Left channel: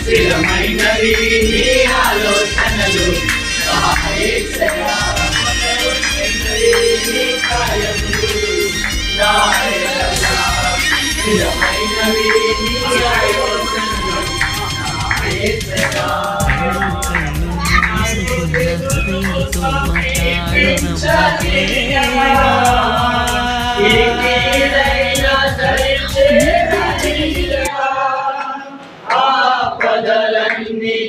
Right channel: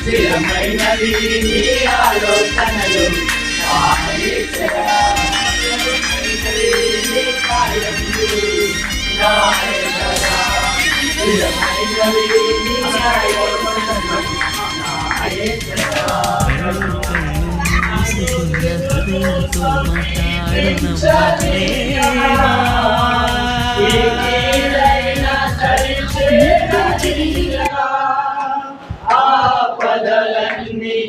స్థిరమైనవి ఆలోచనలు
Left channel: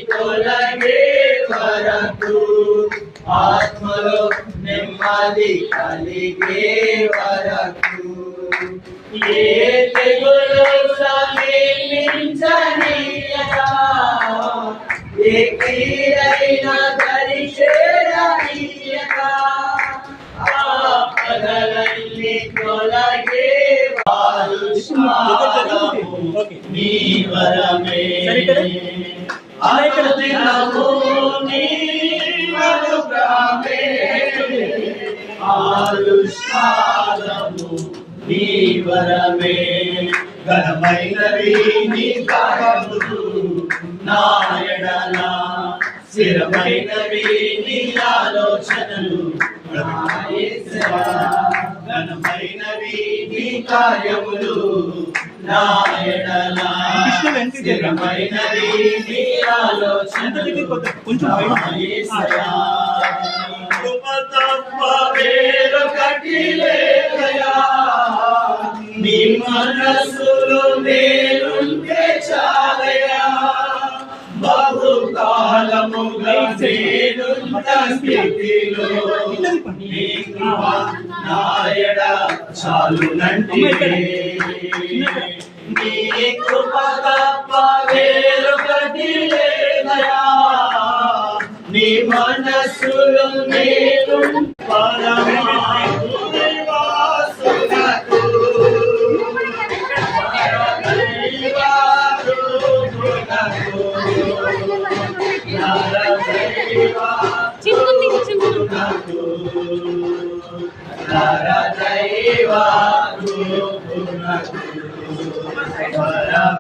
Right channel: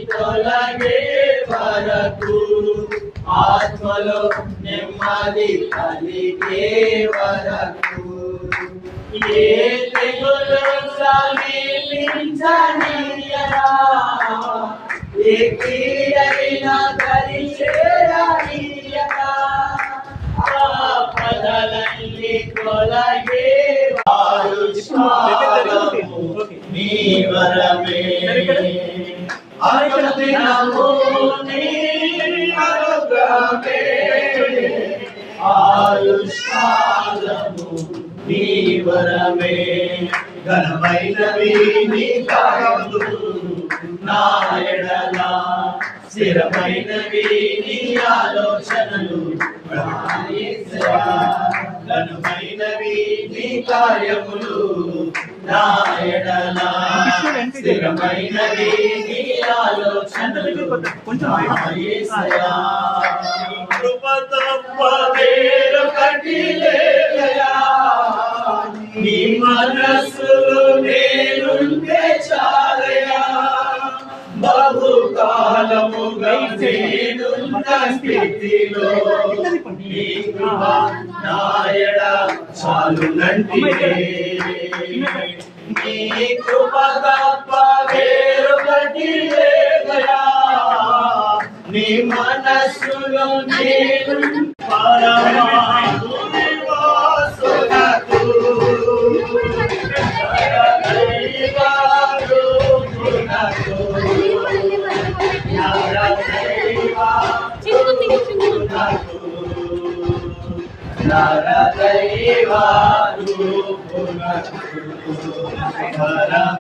తొలగే వరకు ఆత్మలో నెమ్మది కలిగే వరకు ఏ తెగులు సమీపించనీయరా ఏ కీడైనా దరిచేరనీయరా ఆపదలన్నీ తొలగే నీ వరమే ఆయుష్కాలము నీ వరమే ఘనమైనవి నీ కార్యములు నా ఎడల స్థిరమైనవి నీ ఆలోచనలు ఘనమైనవి నీ కార్యములు నా ఎడల స్థిరమైనవి నీ ఆలోచనలు కృప తప్ప వేరొకటి లేదయా నీ మనస్సులో నేనుంటే చాలయా బహుకాలముగా నేనున్న స్థితిలో నీ కృప నా ఎడ చాలునంటే నీ కృప తప్ప వేరొకటి లేదయా నీ మనస్సులో నేను పరమాత్మనివాసునకు నరదైవ